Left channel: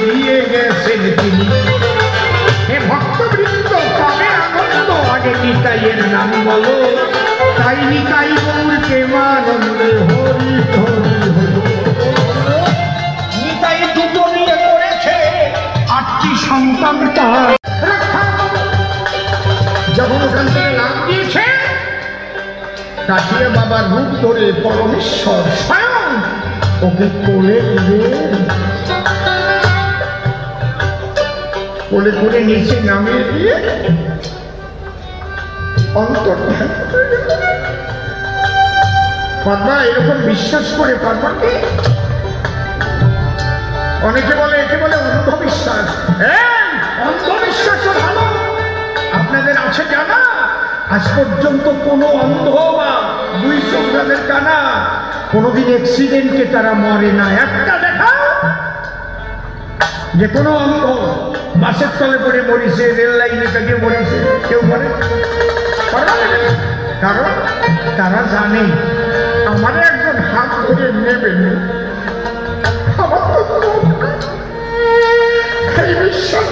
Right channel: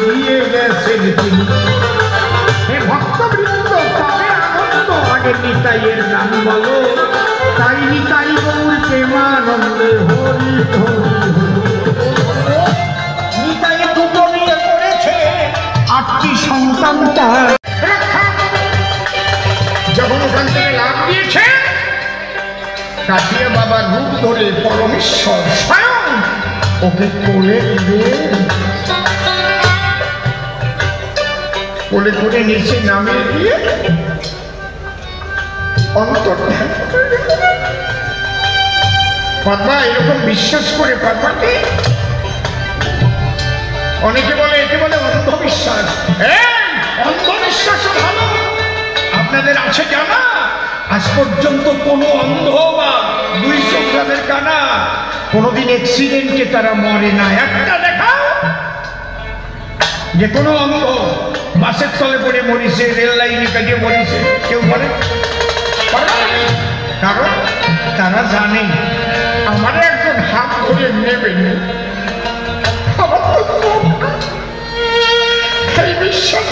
দিয়ে গেছেন তিনি। হে ভক্তবৃন্দ পাবে আনন্দ আগে নিতাইয়ের নাম বলো, তাই নিতাই গৌর প্রেমানন্দে হরি হরি হরি। নিতাই দুটো নিয়ে পড়েছে, 8টি সন্তান তার। যখন ওখান থেকে লাভ দিয়েছে, কাটিয়ে বাবা রূপ করে পরমেশ্বর স্বয়ং ওকে কোলে দিলেন। কোলে করে নিচে নামিয়ে দিয়ে অন্তর কথা এরকম বিশ্বাস করে কাটাকে অনেকে বলে, একে বলে অন্ধবিশ্বাস। অন্ধবিশ্বাস ভালো, আপনাদের আছে জানা? আজ পর্যন্ত কোনো অন্ধ বা 2 চোখের কানা কোনোদিন অ্যাক্সিডেন্টে তারা মরে না। একটা দেখা যে কোনো অন্ধ বাসের তলে পড়ে মরিছে, রেল লাইনে কাটিয়ে মরিছে, কেউ মরে? কারণ তারা জানে আমার একজন হাত ধরে নেবেন, আমার তো এই বিশ্বাস